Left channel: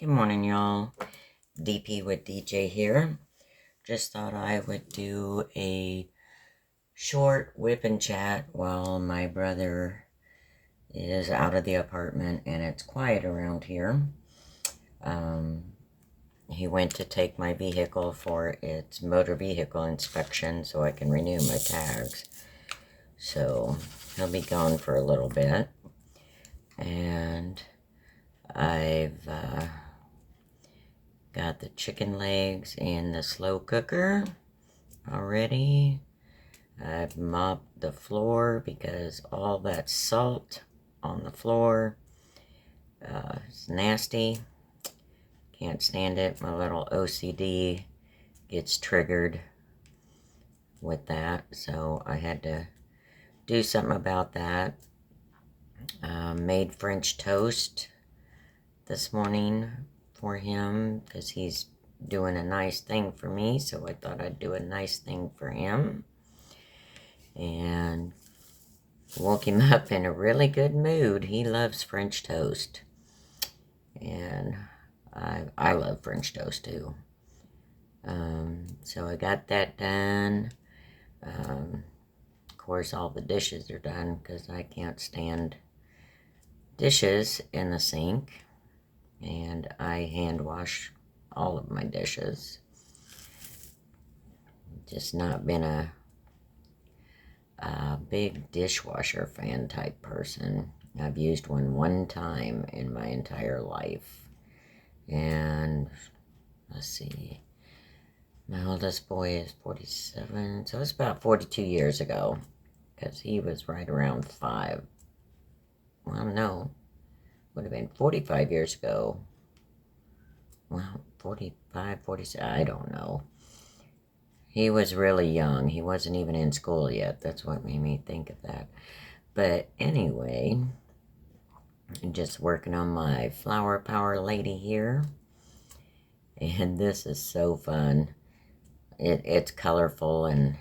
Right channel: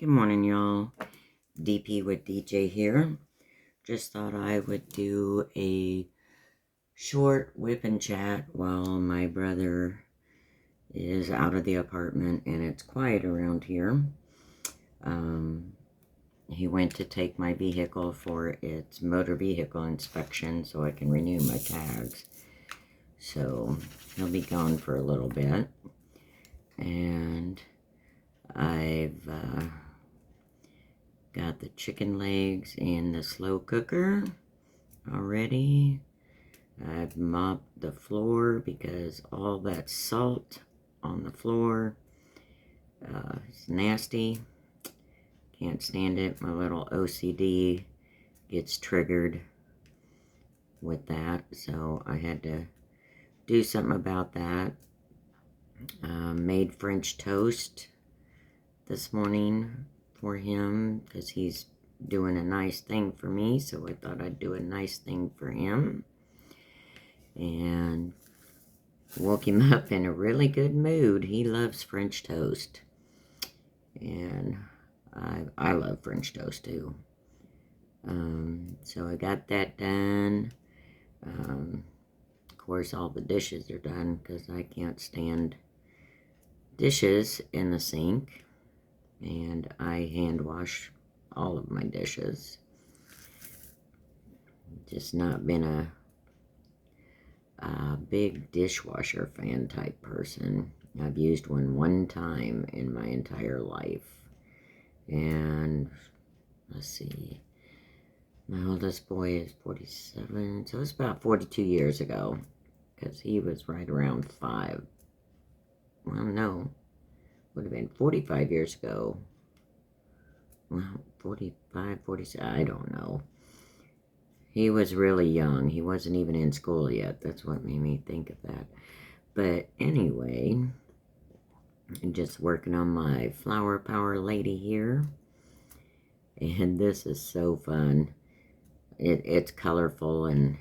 Good morning, y'all. DP with DJ here. Just thought I would do a short whip and chat while my brother is out of the apartment and it's quiet around here. He went to take my vehicle for its motor vehicle inspection so I can renew my tags. So he'll be gone for a little bit. And I've got the chicken legs in the slow cooker already. I've mopped the floor because all that salt on the floor is nasty. Can't stand it. My little OCD gets triggered with that, so I had to do something about that. Made French toast this morning for him because he's doing a nice thing for me, so I thought I'd do a nice thing for him. And woke him up in a really good mood. He loves French toast. And I love French toast too. So I got that done. Of course, all the dishes are done because I can't stand dishes in the sink. And I hand wash all of my dishes. Just not been a big dishwasher fan type person. I've used one time in my entire life. And let's see, my oldest boy is 47, so it's about 42 years ago, because he was right around 5. Well, no, would have been 45 years ago. Well, 45, 46, I don't know. He was really young. He wasn't even in school yet. That's what made me think of that. But anyway, I'm just working on my flower power lady here. And this is so fun. It's colorful and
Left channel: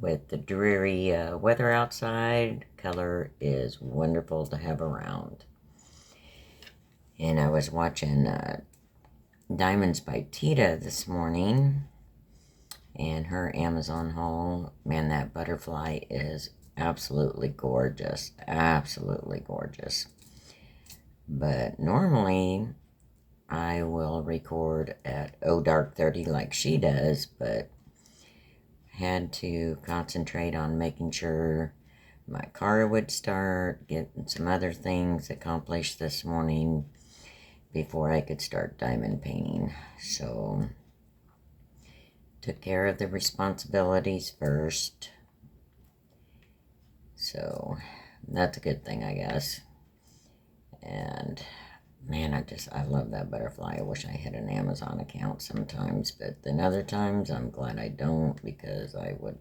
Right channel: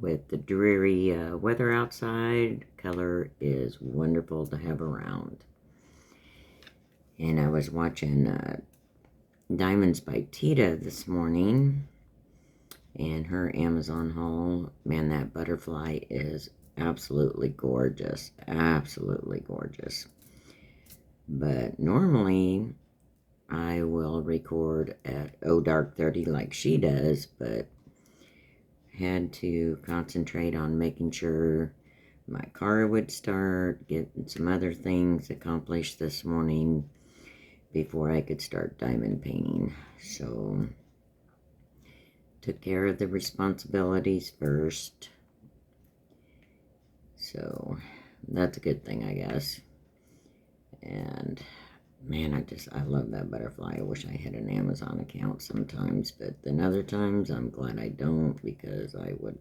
with the dreary weather outside, color is wonderful to have around. And I was watching Diamonds by Tita this morning, and her Amazon haul. Man, that butterfly is absolutely gorgeous. Absolutely gorgeous. But normally I will record at dark 30 like she does, but had to concentrate on making sure my car would start, getting some other things accomplished this morning before I could start diamond painting. So took care of the responsibilities first. So that's a good thing, I guess. And man, I love that butterfly. I wish I had an Amazon account sometimes, but then other times I'm glad I don't, because I would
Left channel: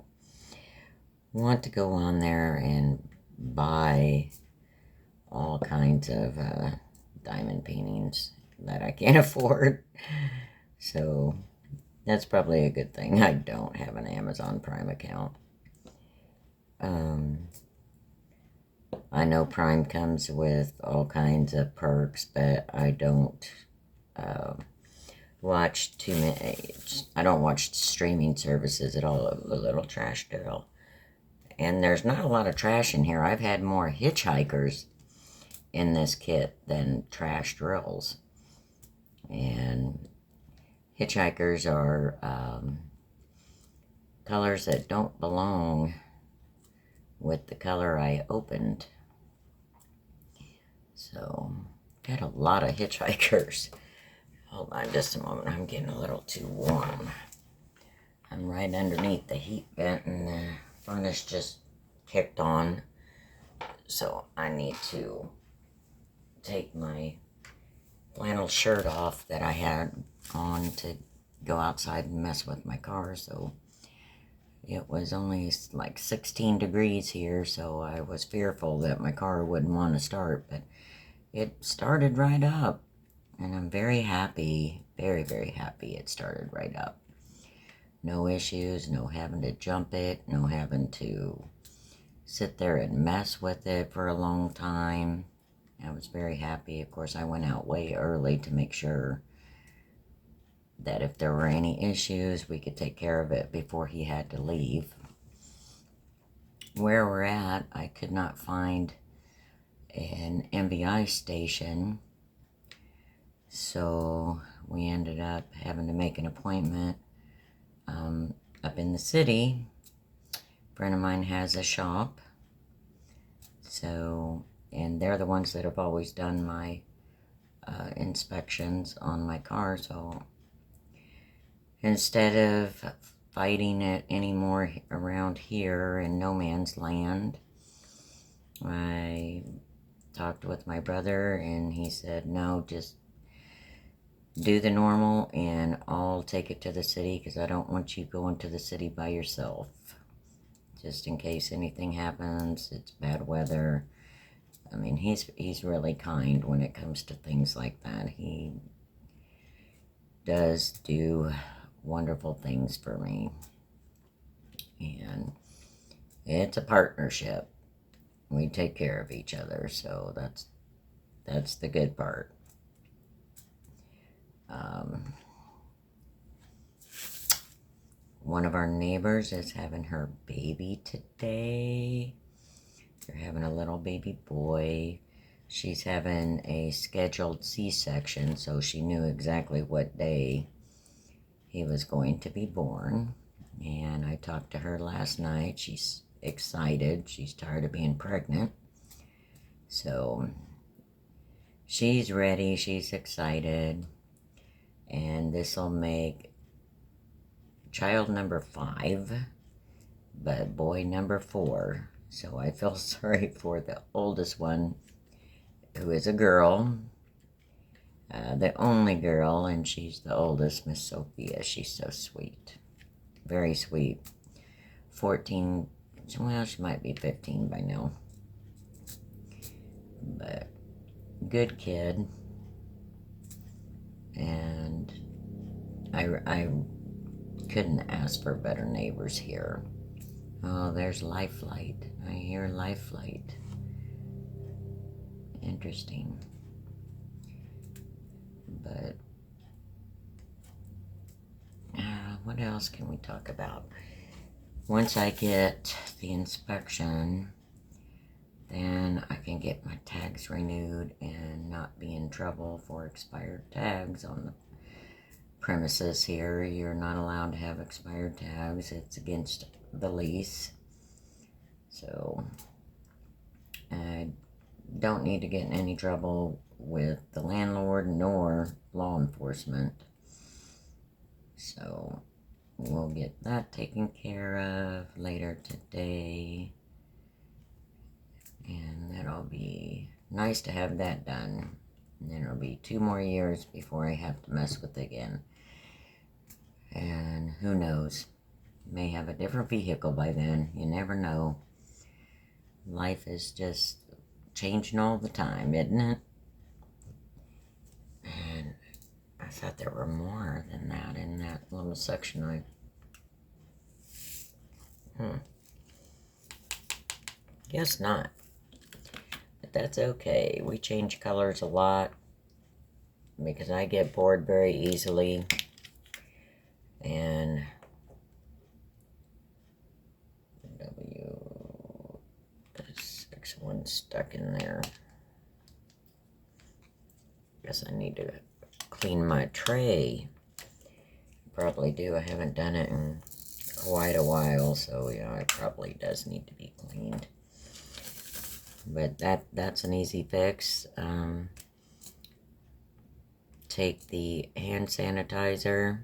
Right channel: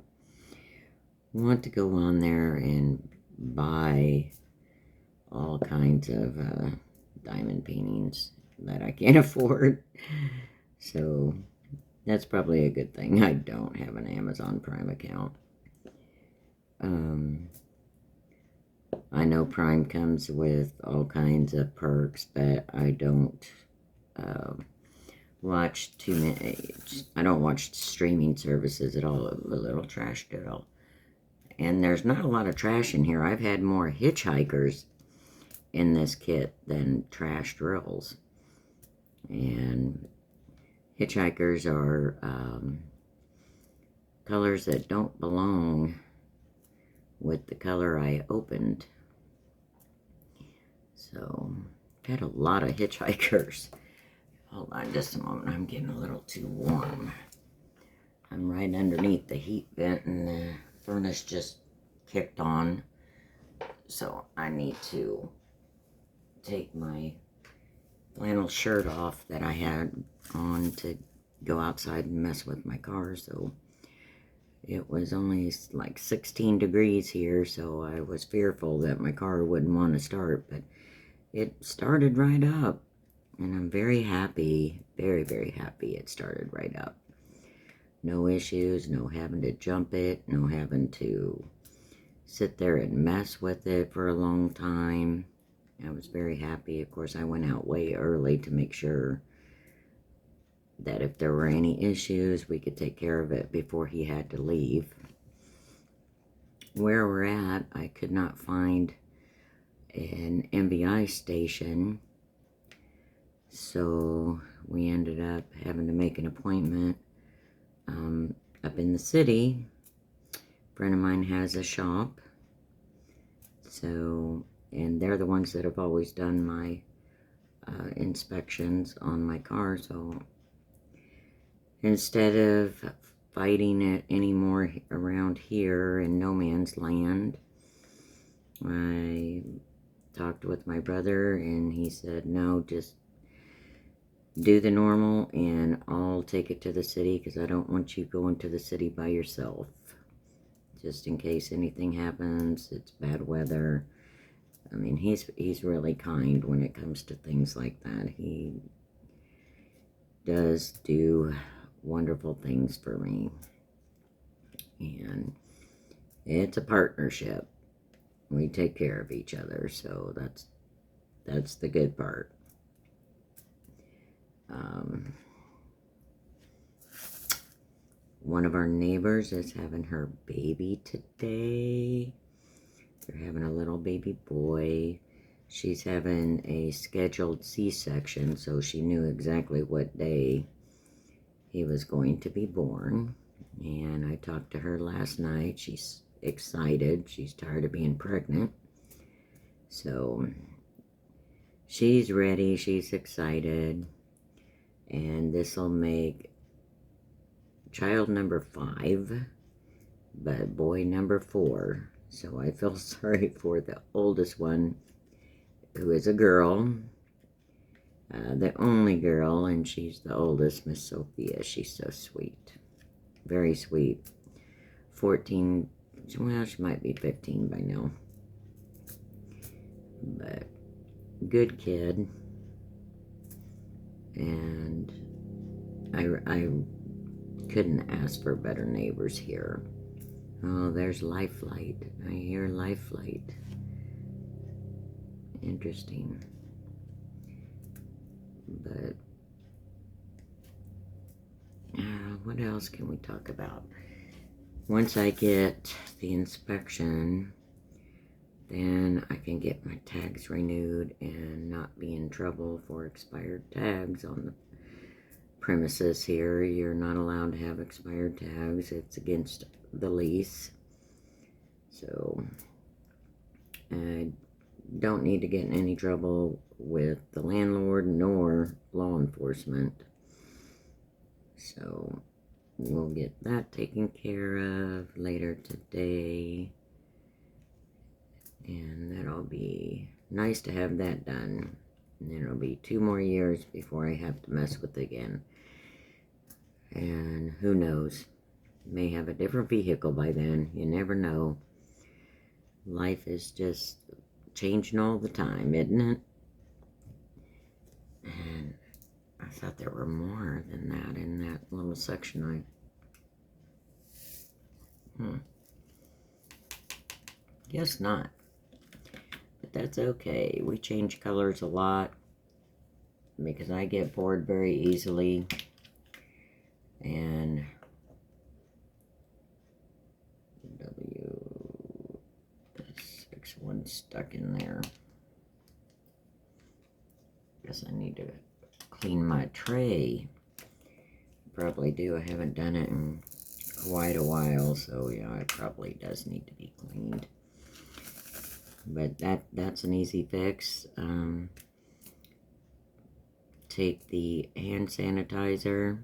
want to go on there and buy all kinds of diamond paintings that I can't afford. So that's probably a good thing I don't have an Amazon Prime account. I know Prime comes with all kinds of perks, but I don't watch too many. I don't watch streaming services at all. A little trash girl. And there's not a lot of trash in here. I've had more hitchhikers in this kit than trash drills. And hitchhikers are colors that don't belong with the color I opened. So, got a lot of hitchhikers. Hold on just a moment. I'm getting a little too warm. I'm right underneath the heat vent and the furnace just kicked on. So, I need to take my flannel shirt off that I had on to go outside and mess with my car. So, it was only like 16 degrees here, so I was fearful that my car wouldn't want to start, but it started right up, and I'm very happy, very, very happy it started right up. No issues, no having to jump it, no having to sit there and mess with it for a long time. I was very happy. Of course, I went out way early to make sure that if there were any issues, we could take care of it before he had to leave. Where we're at, I could not find an MBI station, so we ended up having to make an appointment up in the city. A friend of mine has a shop, so, and they're the ones that have always done my inspections on my car, so instead of fighting it anymore around here in no man's land, I talked with my brother and he said, no, just do the normal and I'll take it to the city because I don't want you going to the city by yourself. Just in case anything happens, it's bad weather. I mean, he's really kind when it comes to things like that. He does do wonderful things for me. And it's a partnership. We take care of each other, so that's the good part. One of our neighbors is having her baby today. They're having a little baby boy. She's having a scheduled C-section, so she knew exactly what day he was going to be born. And I talked to her last night. She's excited. She's tired of being pregnant. So she's ready. She's excited. And this will make child number 5, but boy number 4. So I feel sorry for the oldest one, who is a girl, the only girl, and she's the oldest, Miss Sophia. She's so sweet, very sweet. 14, well, she might be 15 by now, but good kid. And I couldn't ask for better neighbors here. Oh, there's Life Flight. I hear Life Flight. Interesting. But what else can we talk about? Once I get the inspection, then I can get my tags renewed and not be in trouble for expired tags on the premises here. You're not allowed to have expired tags. It's against the lease. So I don't need to get in any trouble with the landlord nor law enforcement. So we'll get that taken care of later today. And that'll be nice to have that done. And then it'll be 2 more years before I have to mess with it again. And who knows? May have a different vehicle by then. You never know. Life is just changing all the time, isn't it? And I thought there were more than that in that little section. Guess not. But that's okay. We change colors a lot because I get bored very easily. And W6 stuck in there. Guess I need to clean my tray. Probably do. I haven't done it in quite a while, so you know it probably does need to be cleaned. But that's an easy fix. Take the hand sanitizer,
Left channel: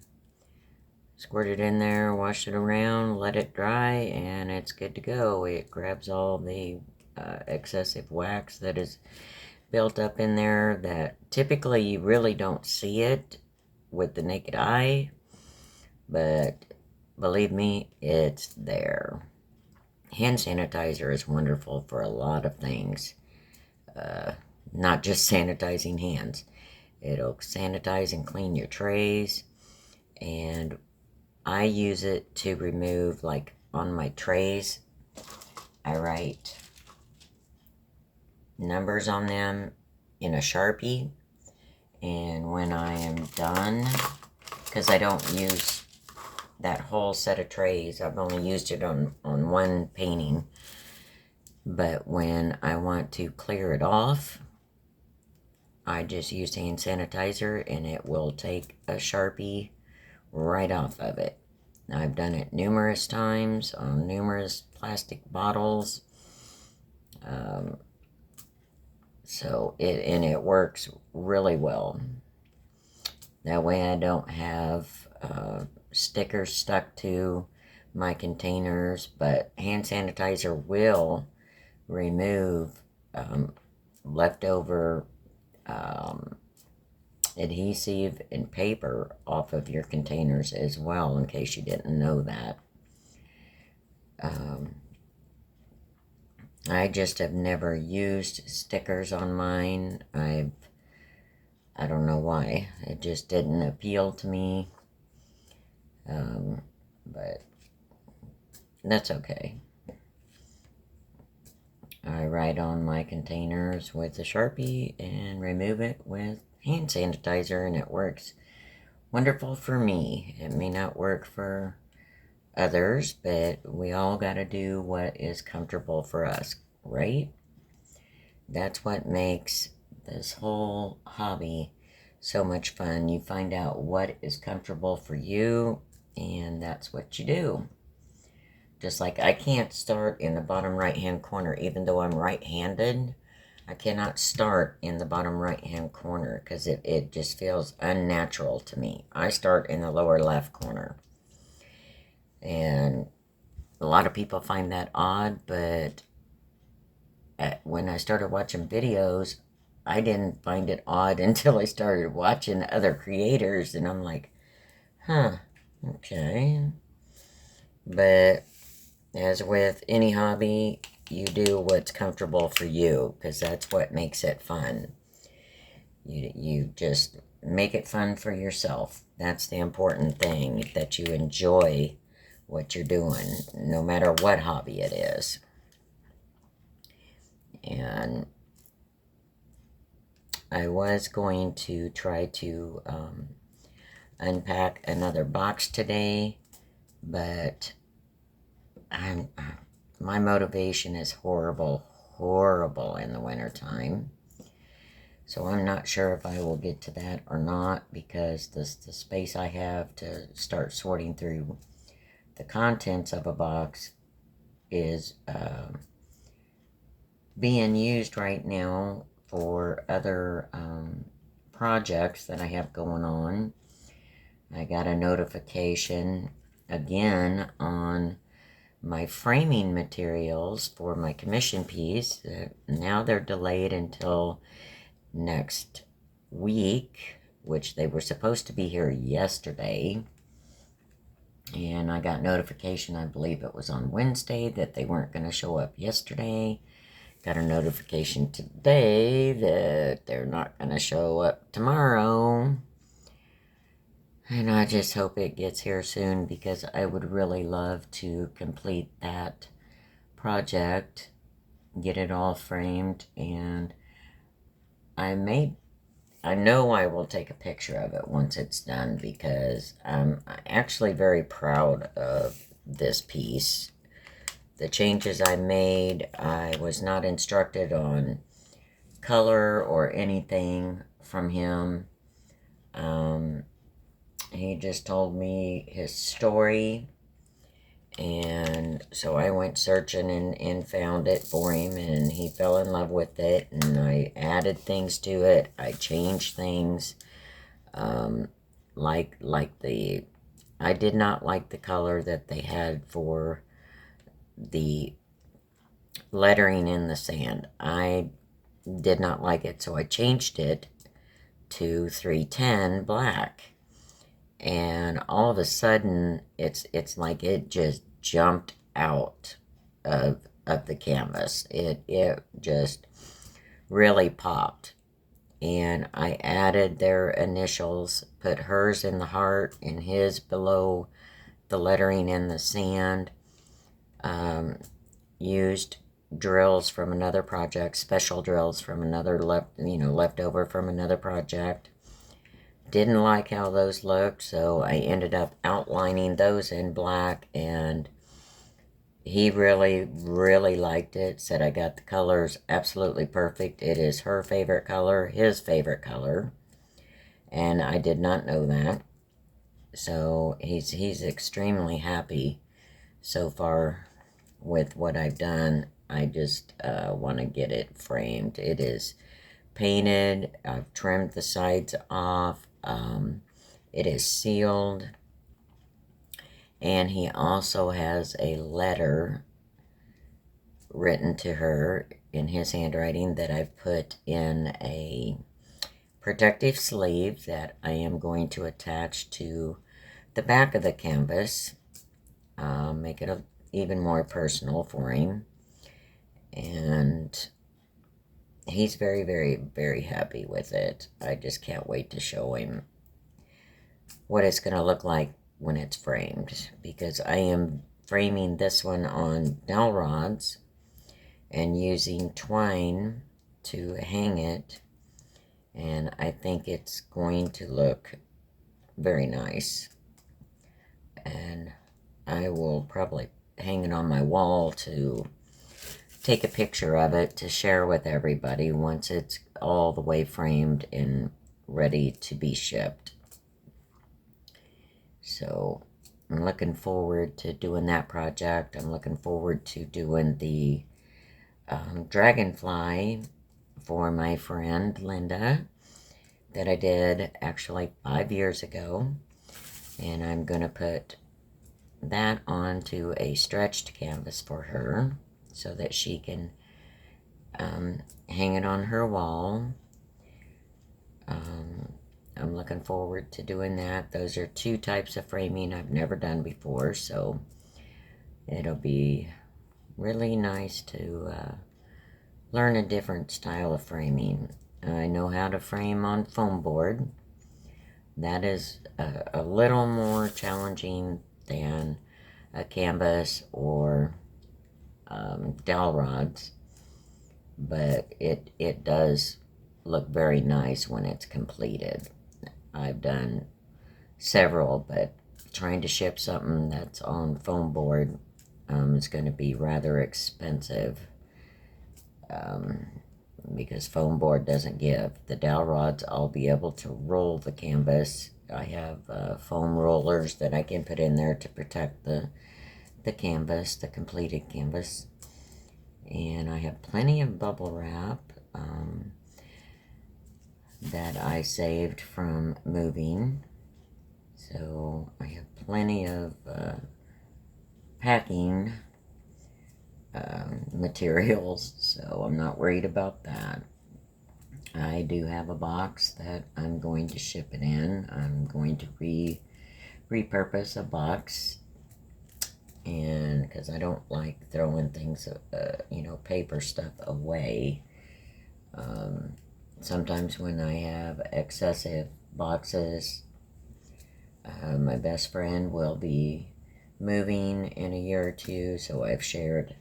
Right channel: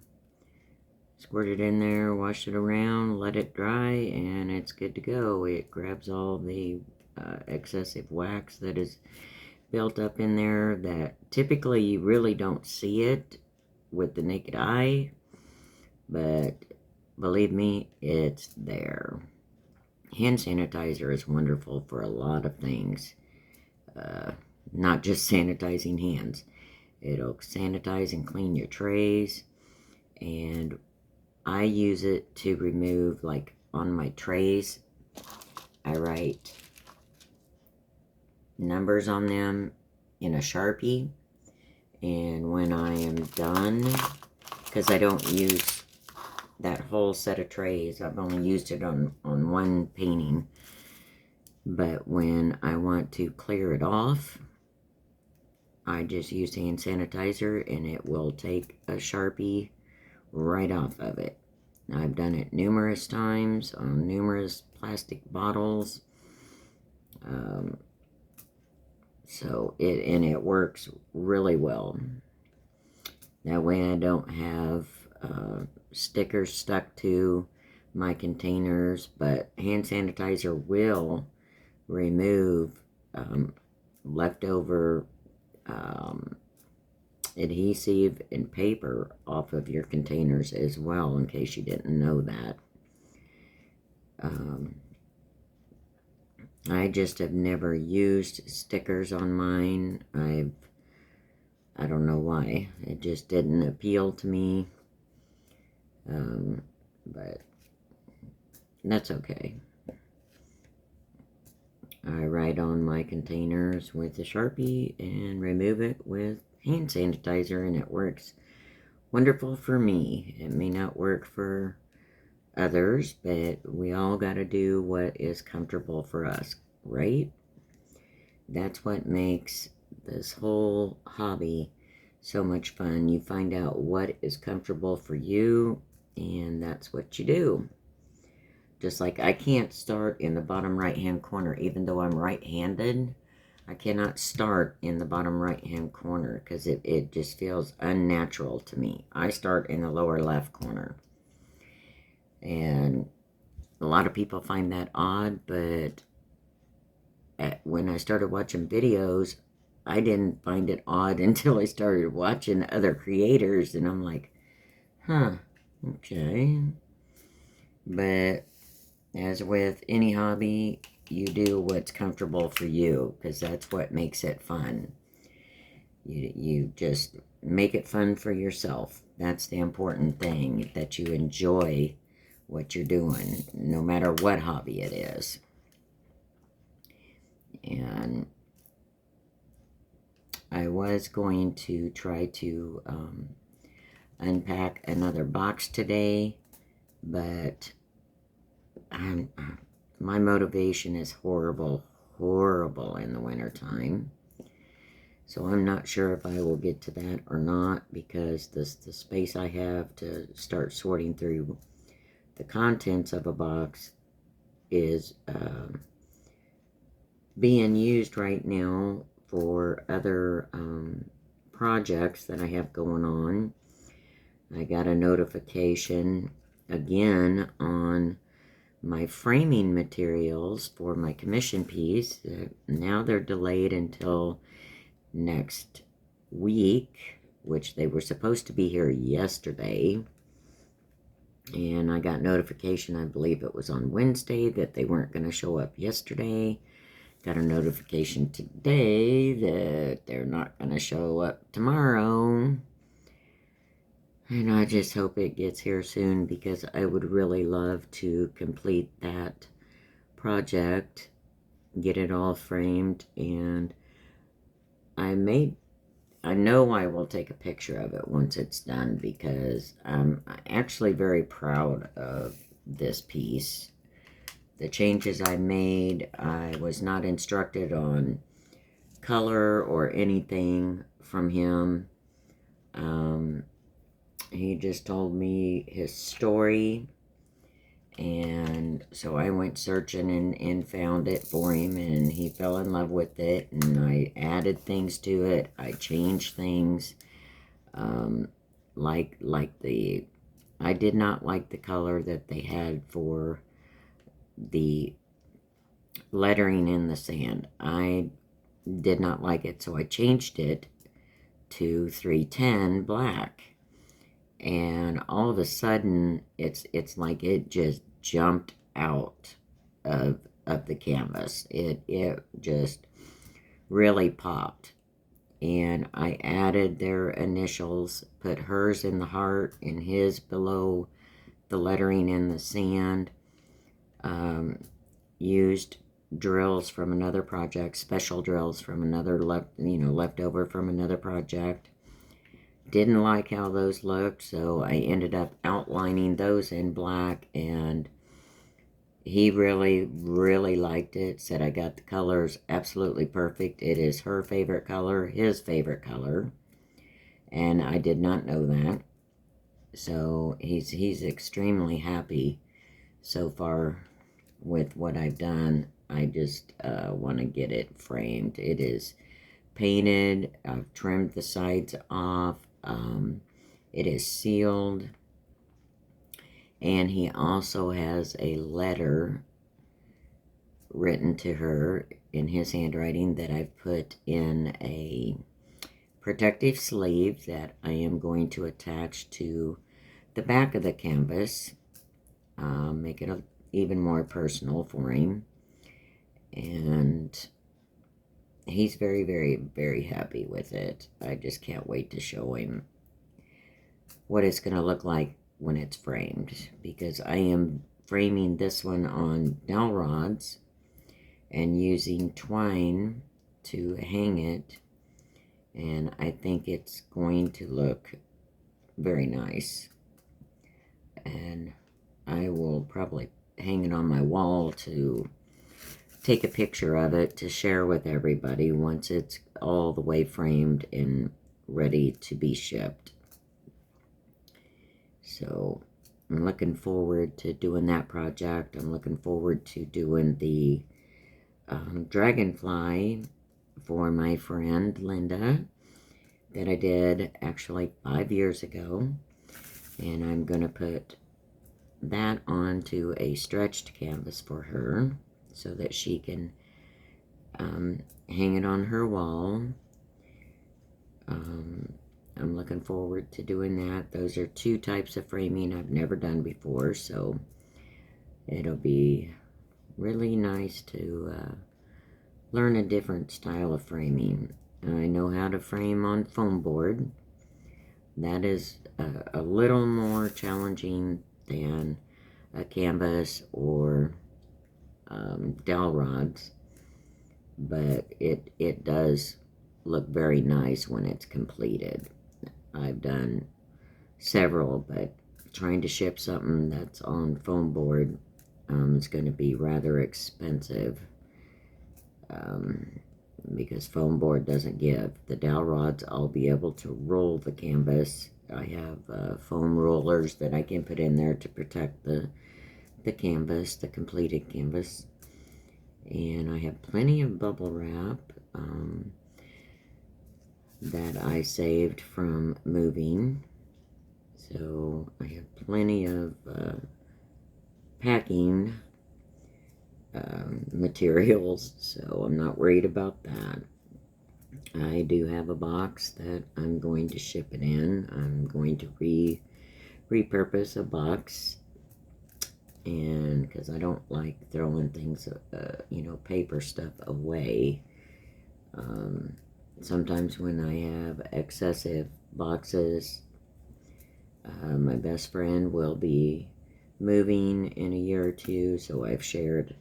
squirt it in there, wash it around, let it dry, and it's good to go. It grabs all the excessive wax that is built up in there that typically you really don't see it with the naked eye, but believe me, it's there. Hand sanitizer is wonderful for a lot of things, not just sanitizing hands. It'll sanitize and clean your trays, and I use it to remove, like on my trays, I write numbers on them in a Sharpie. And when I am done, because I don't use that whole set of trays, I've only used it on one painting. But when I want to clear it off, I just use hand sanitizer and it will take a Sharpie right off of it. I've done it numerous times on numerous plastic bottles. So it works really well. That way I don't have stickers stuck to my containers, but hand sanitizer will remove leftover adhesive and paper off of your containers as well, in case you didn't know that. I just have never used stickers on mine. I don't know why. It just didn't appeal to me. But that's okay. I write on my containers with a Sharpie and remove it with hand sanitizer, and it works wonderful for me. It may not work for others, but we all got to do what is comfortable for us, right? That's what makes this whole hobby so much fun. You find out what is comfortable for you, and that's what you do. Just like I can't start in the bottom right hand corner, even though I'm right-handed. I cannot start in the bottom right hand corner because it just feels unnatural to me. I start in the lower left corner. And a lot of people find that odd, but when I started watching videos, I didn't find it odd until I started watching other creators, and I'm like, huh, okay. But as with any hobby, you do what's comfortable for you, because that's what makes it fun. You just make it fun for yourself. That's the important thing, that you enjoy what you're doing, no matter what hobby it is. And I was going to try to unpack another box today, but my motivation is horrible in the wintertime. So I'm not sure if I will get to that or not, because the space I have to start sorting through the contents of a box is being used right now for other projects that I have going on. I got a notification again on my framing materials for my commission piece. Now they're delayed until next week, which they were supposed to be here yesterday. And I got notification, I believe it was on Wednesday, that they weren't going to show up yesterday. Got a notification today that they're not going to show up tomorrow. And I just hope it gets here soon, because I would really love to complete that project, get it all framed, and I know I will take a picture of it once it's done, because I'm actually very proud of this piece. The changes I made, I was not instructed on color or anything from him. He just told me his story, and so I went searching and found it for him, and he fell in love with it, and I added things to it. I changed things, I did not like the color that they had for the lettering in the sand. I did not like it, so I changed it to 310 black. And all of a sudden, it's like it just jumped out of the canvas. It just really popped. And I added their initials, put hers in the heart and his below the lettering in the sand. Used drills from another project, special drills from another leftover from another project. Didn't like how those looked, so I ended up outlining those in black, and he really, really liked it. Said I got the colors absolutely perfect. It is her favorite color, his favorite color, and I did not know that. So he's extremely happy so far with what I've done. I just want to get it framed. It is painted. I've trimmed the sides off. It is sealed. And he also has a letter written to her in his handwriting that I've put in a protective sleeve that I am going to attach to the back of the canvas. Make it even more personal for him. And he's very, very, very happy with it. I just can't wait to show him what it's going to look like when it's framed, because I am framing this one on dowel rods and using twine to hang it, and I think it's going to look very nice. And I will probably hang it on my wall to take a picture of it to share with everybody once it's all the way framed and ready to be shipped. So I'm looking forward to doing that project. I'm looking forward to doing the dragonfly for my friend Linda that I did actually 5 years ago. And I'm going to put that onto a stretched canvas for her so that she can hang it on her wall. I'm looking forward to doing that. Those are two types of framing I've never done before, so it'll be really nice to learn a different style of framing. I know how to frame on foam board. That is a little more challenging than a canvas or dowel rods, but it does look very nice when it's completed. I've done several, but trying to ship something that's on foam board is going to be rather expensive because foam board doesn't give. The dowel rods, I'll be able to roll the canvas. I have foam rollers that I can put in there to protect the canvas, the completed canvas. And I have plenty of bubble wrap that I saved from moving. So I have plenty of packing materials, so I'm not worried about that. I do have a box that I'm going to ship it in. I'm going to repurpose a box, and because I don't like throwing things, paper stuff away. Sometimes when I have excessive boxes, my best friend will be moving in a year or two, so I've shared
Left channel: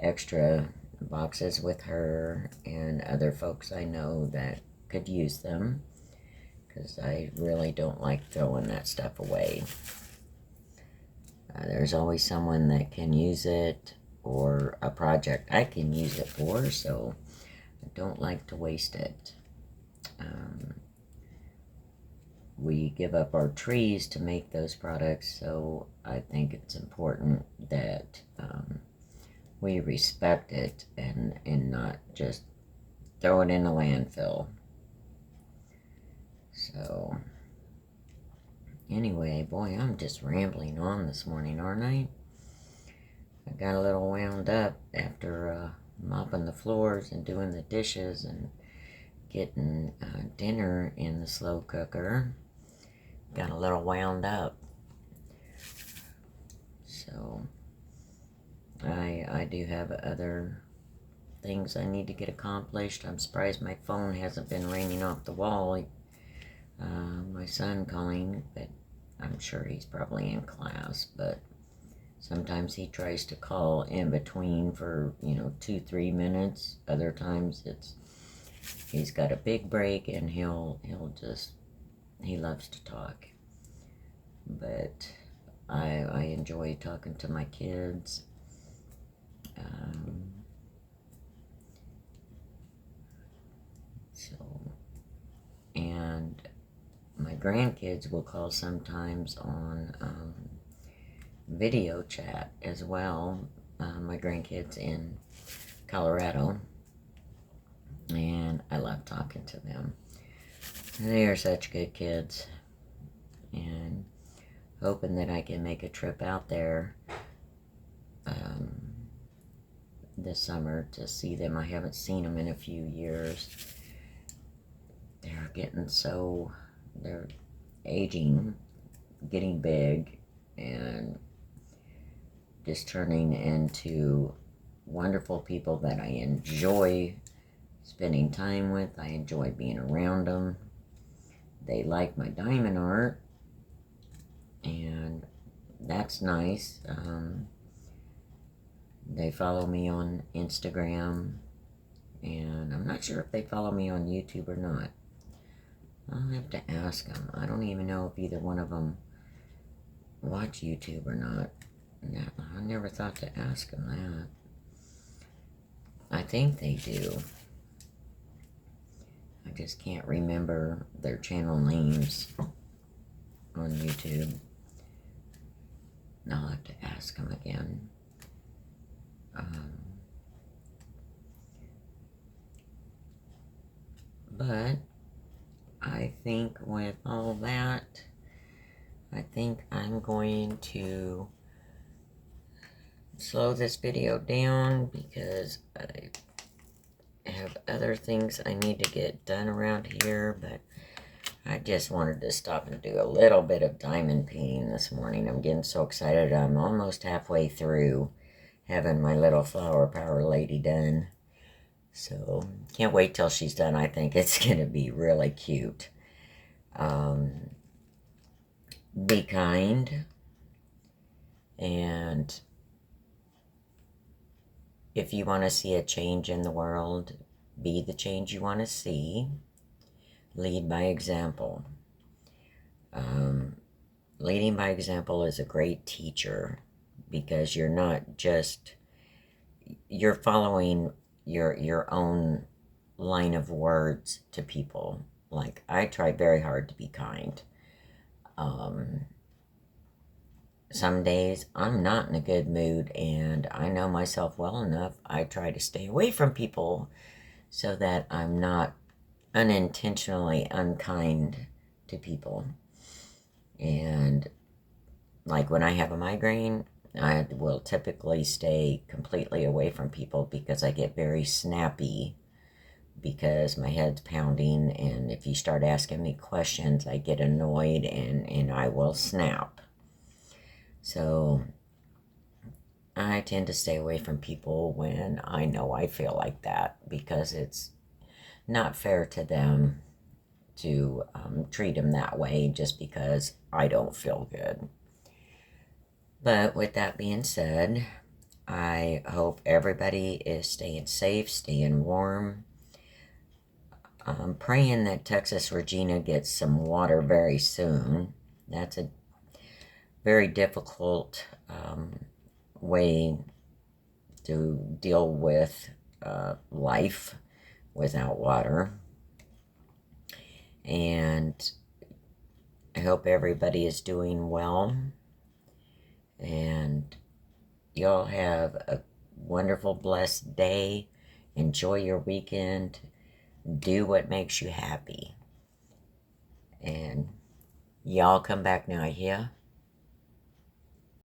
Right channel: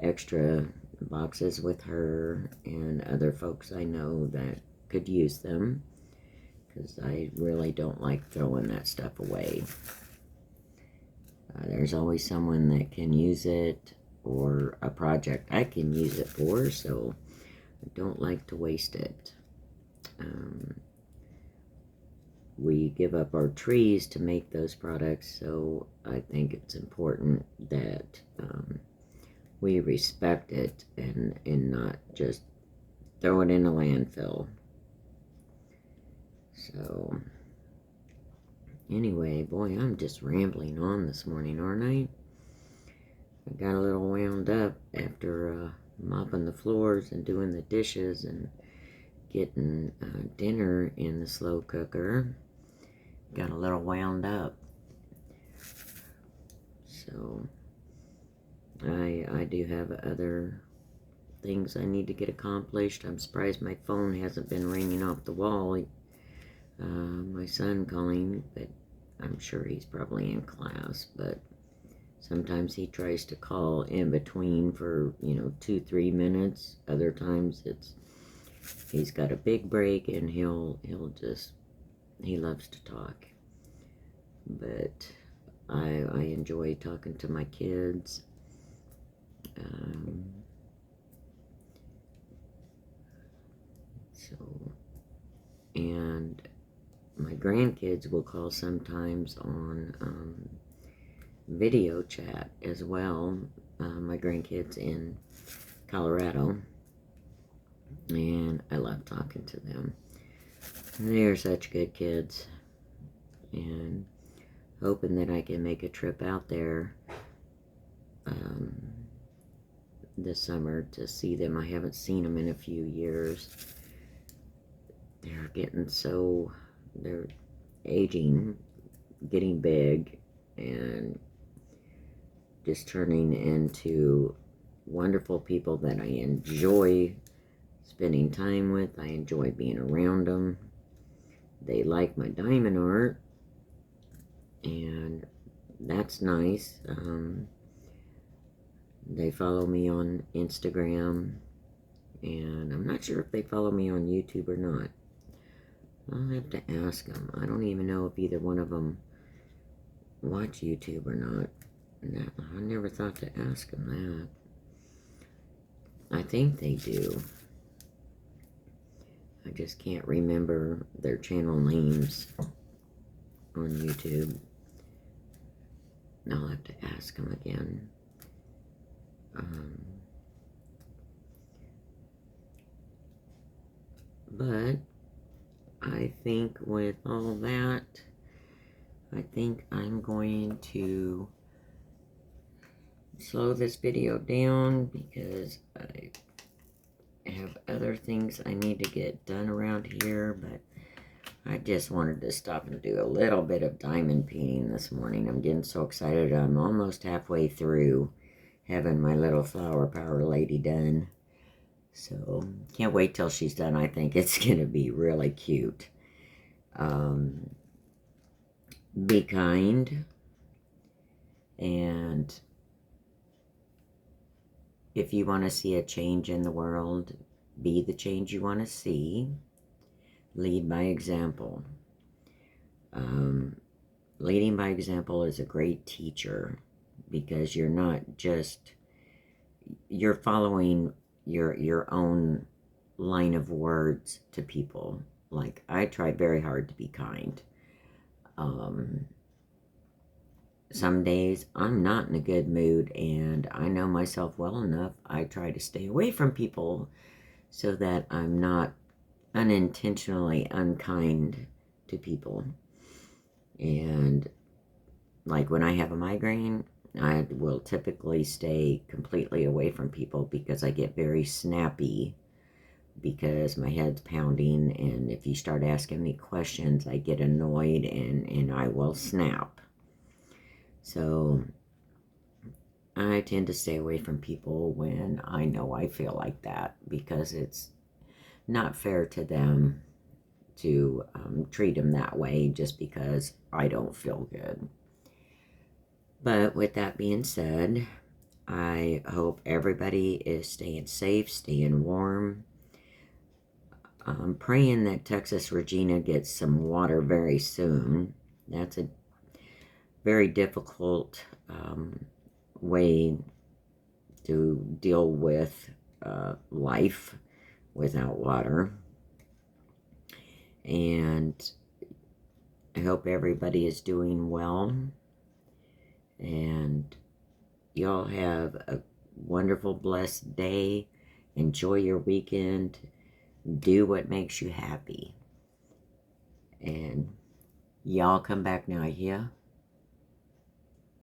extra boxes with her and other folks I know that could use them, because I really don't like throwing that stuff away. There's always someone that can use it, or a project I can use it for, so I don't like to waste it. We give up our trees to make those products, so I think it's important that we respect it and not just throw it in a landfill. So anyway, boy, I'm just rambling on this morning, aren't I? I got a little wound up after mopping the floors and doing the dishes and getting dinner in the slow cooker. Got a little wound up. So I do have other things I need to get accomplished. I'm surprised my phone hasn't been ringing off the wall. My son calling, but I'm sure he's probably in class. But Sometimes he tries to call in between for, 2-3 minutes. Other times he's got a big break and he loves to talk. But I enjoy talking to my kids. And my grandkids will call sometimes on video chat as well. My grandkids in Colorado, and I love talking to them. They are such good kids, and hoping that I can make a trip out there this summer to see them. I haven't seen them in a few years. They're they're aging, getting big, and just turning into wonderful people that I enjoy spending time with. I enjoy being around them. They like my diamond art, and that's nice. They follow me on Instagram, and I'm not sure if they follow me on YouTube or not. I'll have to ask them. I don't even know if either one of them watch YouTube or not. I never thought to ask them that. I think they do. I just can't remember their channel names on YouTube. I'll have to ask them again. But I think with all that, I think I'm going to slow this video down because I have other things I need to get done around here, but I just wanted to stop and do a little bit of diamond painting this morning. I'm getting so excited. I'm almost halfway through having my little flower power lady done. So, can't wait till she's done. I think it's going to be really cute. Be kind. And if you want to see a change in the world, be the change you want to see. Lead by example. Leading by example is a great teacher because you're following your own line of words to people. Like, I try very hard to be kind. Some days I'm not in a good mood, and I know myself well enough. I try to stay away from people so that I'm not unintentionally unkind to people. And like when I have a migraine, I will typically stay completely away from people because I get very snappy because my head's pounding, and if you start asking me questions, I get annoyed and I will snap. So I tend to stay away from people when I know I feel like that, because it's not fair to them to treat them that way just because I don't feel good. But with that being said, I hope everybody is staying safe, staying warm. I'm praying that Texas Regina gets some water very soon. That's a very difficult way to deal with life without water. And I hope everybody is doing well. And y'all have a wonderful, blessed day. Enjoy your weekend. Do what makes you happy. And y'all come back now, yeah?